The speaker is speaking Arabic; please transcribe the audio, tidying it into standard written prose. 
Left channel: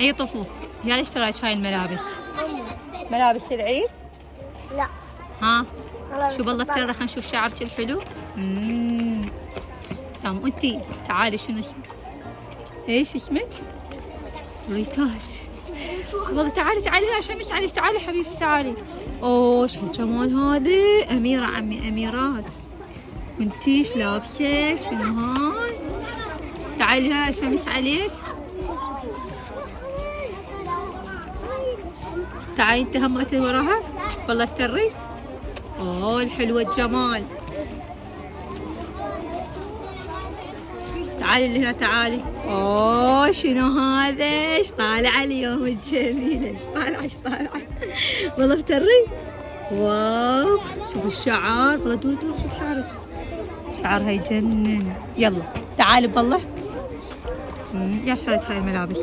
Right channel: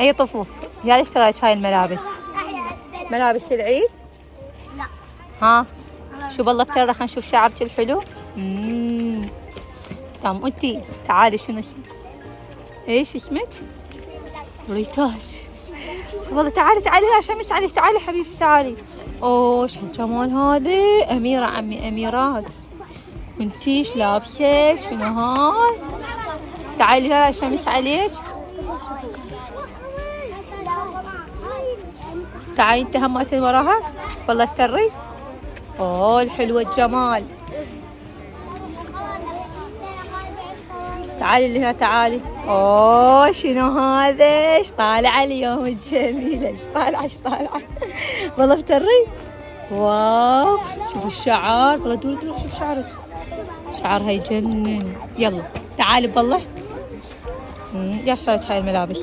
اي طفوف. يا ليش اشتريت هاي الملابس؟ ملابس العيد؟ لا. ها شو بالله افترى، خلينا نشوف شعرك الحلو. تمام. انتي تعالي شنو ايش اسمك؟ ريتاج. والله تعالي تعالي يا شمس، تعالي تعالي حبيبتي تعالي. اوه شو الجمال هذا، اميرة عمي اميرات. انتي ايش لابسة؟ شنو هاي؟ تعالي يا شمس عليك. تعالي انت هم وراها. والله اشتري. اوه الحلوة الجمال. تعالي اللي هنا تعالي. اوه شنو هذا؟ ايش طالعة اليوم الجميلة، ايش طالعة ايش طالعة. والله اشتري. واو شوف الشعر، والله دوري دوري شوف شعرك، شعرها يجنن. يلا تعالي بالله. يا اشتريت هاي الملابس.